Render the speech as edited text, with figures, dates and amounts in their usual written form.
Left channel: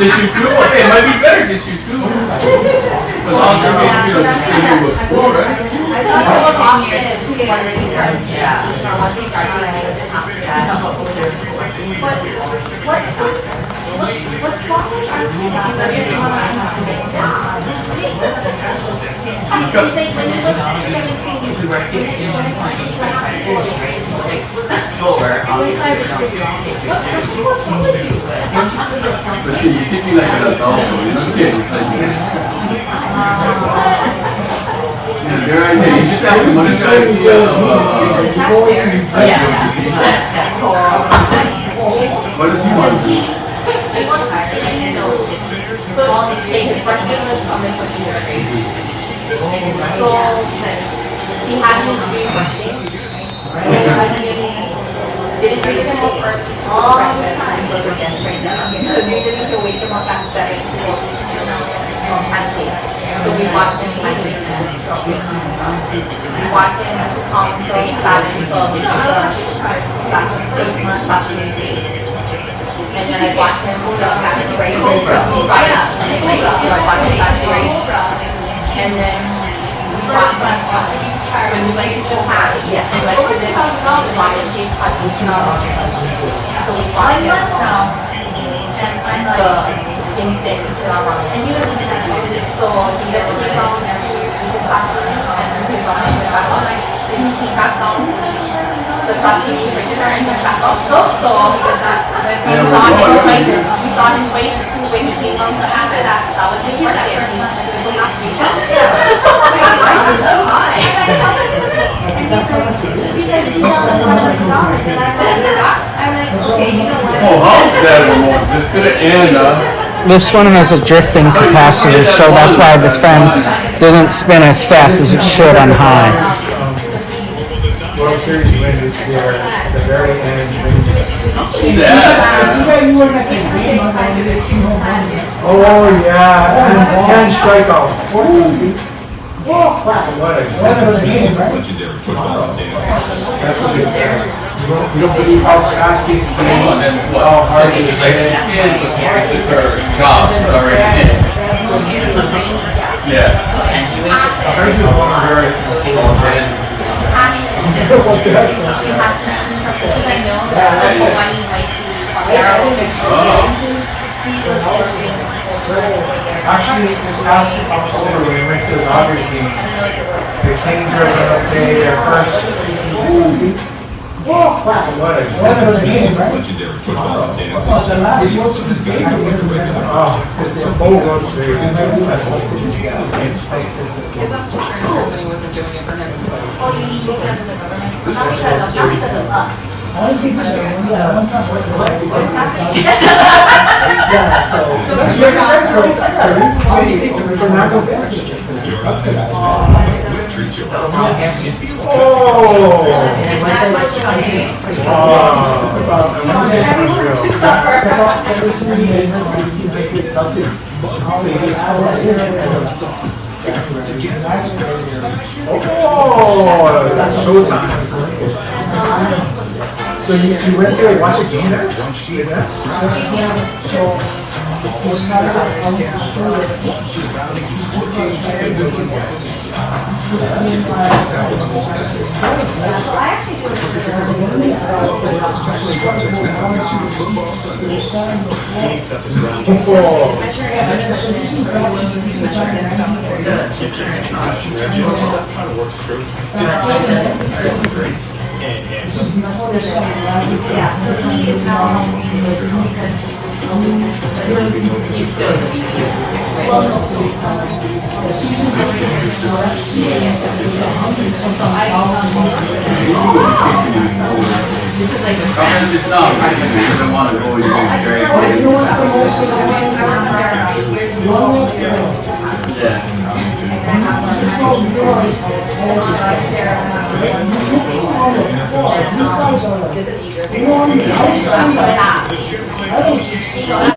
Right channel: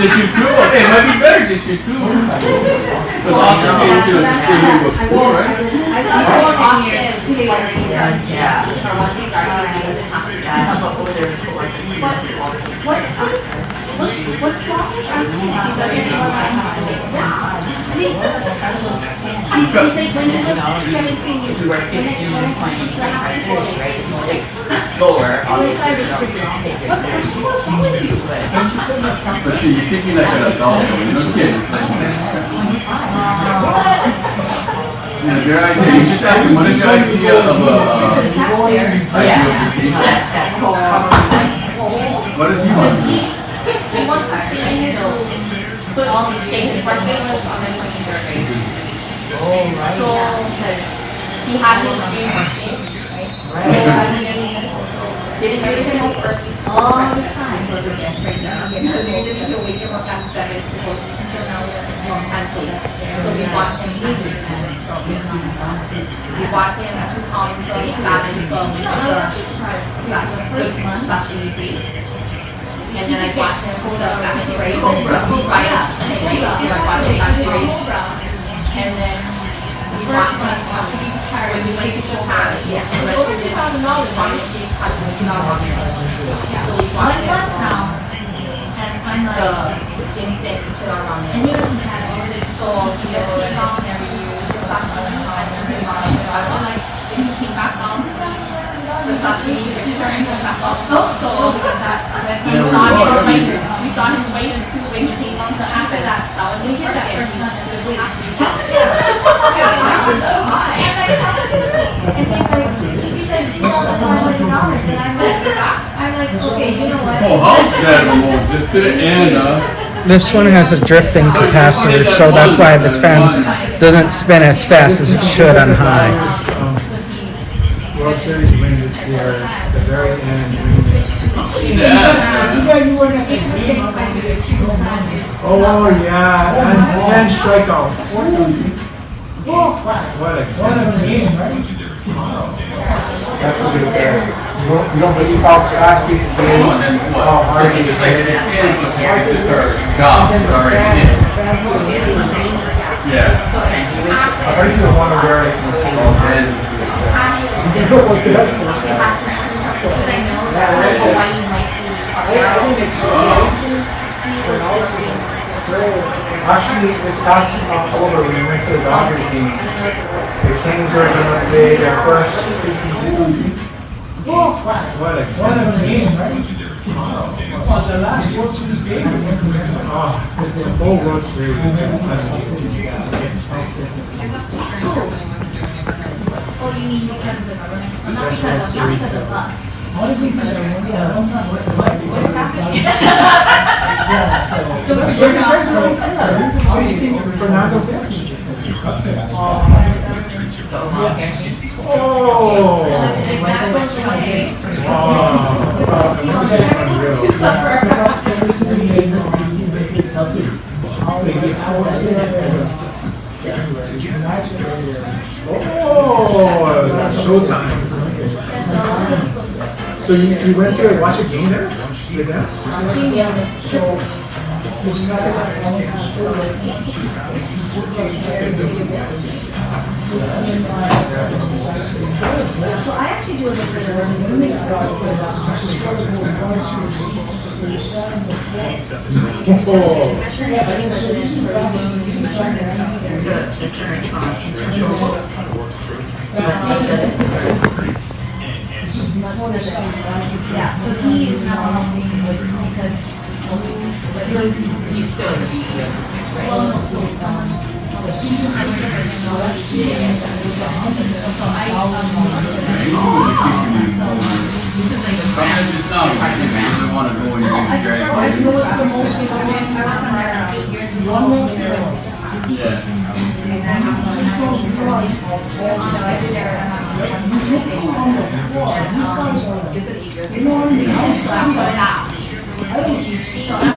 Just shoot two? Okay, it might be better just shoot two. Because often maybe you could have stayed here with four, right? But you think you're like an adult, but you're a kid. You just have to see the idea of what does he want? All these things he had his dream birthday. Didn't do this all this time was against right now. So they didn't need to wake him up at 7 to go at school. So we watched him at weekends. We watched him to come until 7 so we got the first month watching face. And then I watched him go to Fancy Race. He right up. I watched him Fancy Race. And then we watched him when we like to go have it. Yes. Like over $2,000 on it. So we watched him now. And I'm like the instant and you don't understand. So he gets to come and we just watched him and then he's back on. Then he came back down. The sashimi for dinner and he back up. So we saw him race too when he came down. So after that was his first one. I did so high. And he's like $2,000. I'm like, okay, you know what? Oh, how's that remote? Just to the end, This one has a drifting capacitor, so that's why this fan doesn't spin as fast as it should on high. World Series win is there at the very end. Oh yeah, and strikeouts. What a game. That's what they say. You don't believe how fast this game and how hard it is. this is her job, it's already in. Yeah. I heard you want to wear it. Actually, this past October when we went to the Dodgers game, the Kings are going to play their first preseason. What a game. It's a full World Series. Oh, you mean because of the government? Not because of us. Showtime. So you went to watch a game there? I actually do yeah, so he is now because he's still well, no. This is like